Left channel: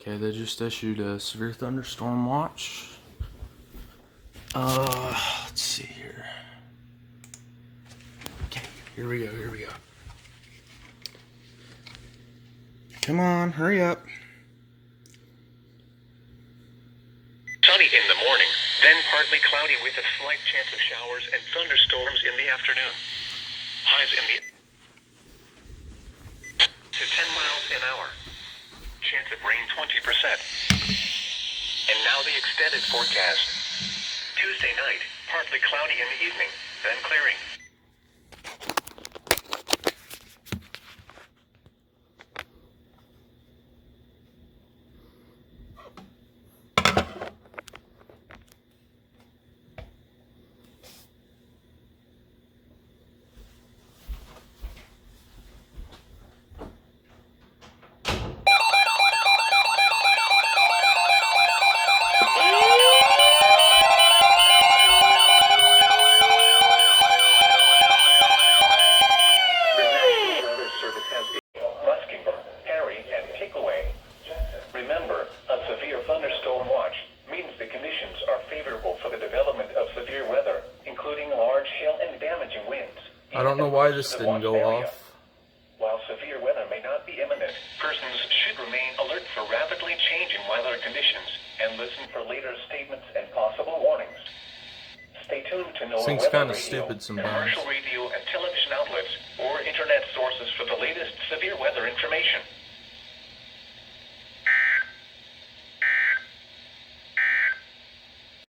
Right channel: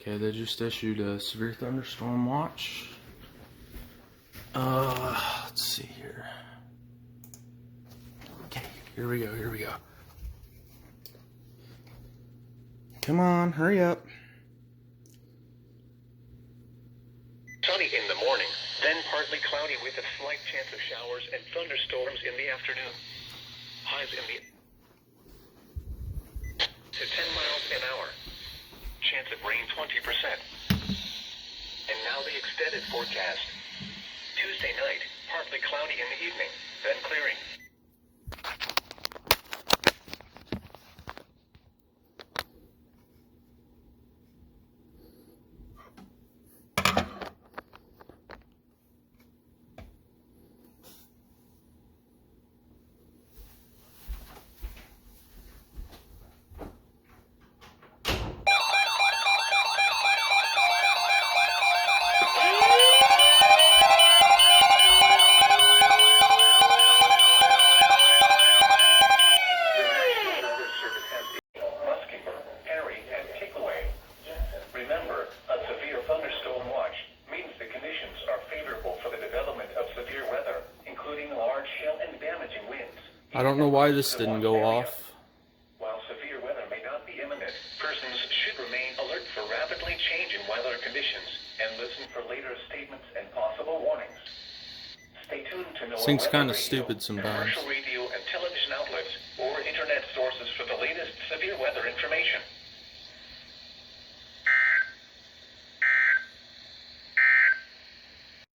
Okay, they just issued a severe thunderstorm watch. Let's see here. Okay, here we go. Come on, hurry up. Sunny in the morning, then partly cloudy with a slight chance of showers and thunderstorms in the afternoon. Highs in the to 10 miles an hour. Chance of rain 20%. And now the extended forecast. Tuesday night, partly cloudy in the evening, then clearing. Remember, a severe thunderstorm watch means the conditions are favorable for the development of severe weather, including large hail and damaging winds. I don't know why this didn't go off. While severe weather may not be imminent, persons should remain alert for rapidly changing weather conditions and listen for later statements and possible warnings. Stay tuned to know Thing's kind of radio, stupid sometimes. commercial radio and television outlets, or internet sources for the latest severe weather information.